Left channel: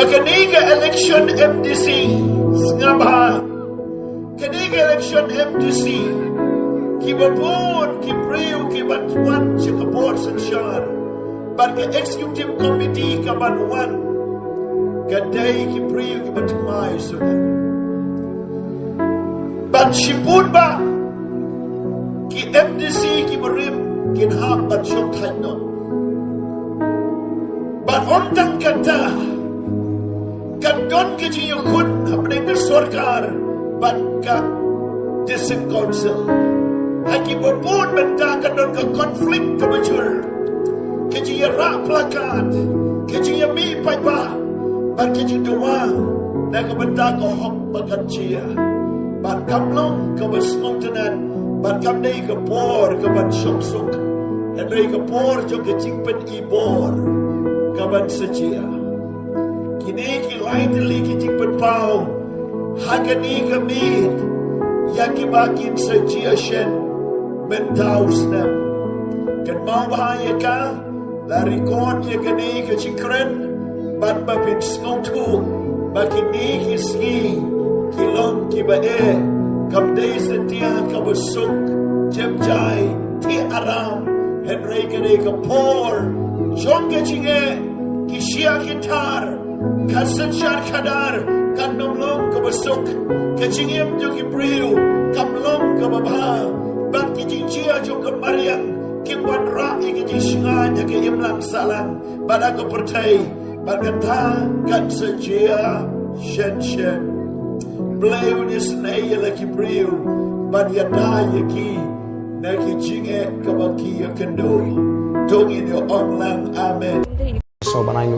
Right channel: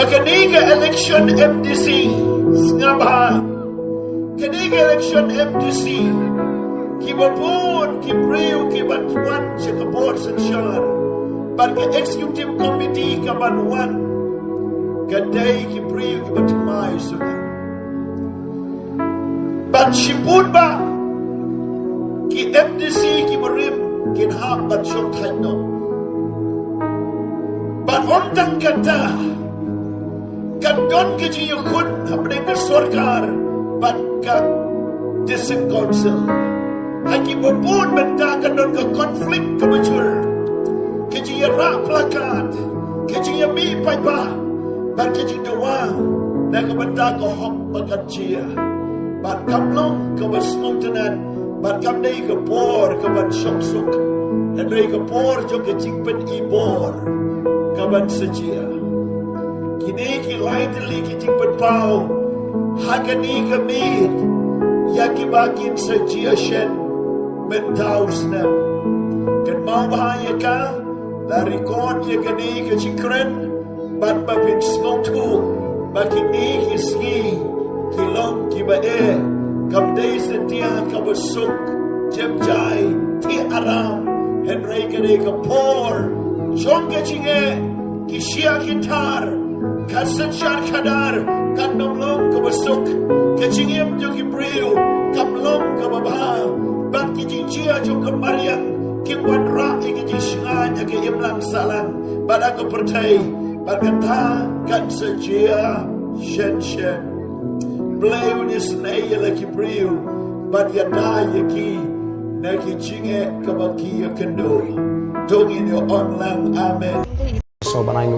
Bakaniga election MDC sngap kaniga election MDC kibapun kibriu kibatwan board sensyar ban ke executive committee kabanwan kadai kibriu kibatmai sudah ban shipun ba ki MDC ki barim kin hak ban syok thaino ban ontang kata kan don ke jingiathuh apne ke sarkar ban ka district council haki berbun benda kan don ke konflik ke bejur ke jingiathuh plakat ke jingiathuh paipa ban ke jingiathuh dan ke benda ke hok bagan chia ban kamlong ke besmontenan ban kam dei ke por ke ban syok sok dan dei ke por jo ke jingpen ibor ke ban sejia kini ki lain li ki jingpen pau hakani ke mit ya ki bakin sejia shen mentau snap kan mau bahaya ka lari kon ya kini ke jingkren ban bapin sngotu bakini ki ski kilong ki ba kam dei setia ka besuk jem jai ti aram henry kene ka por jong ke jinge ki shia kintar kasenjar kadar kan nomlong ka besuk ke jingem jo ki briu kam long ka baba ban ki jingjia jo ka mariang ki wan ra ki jishnga nya ke imlang salang ban aku pertai ban kata kan sejia shen Bleu ni senaya lagi briu ban ya daya ki na ki jinge ka baki ya kendo tong in your online amen so banai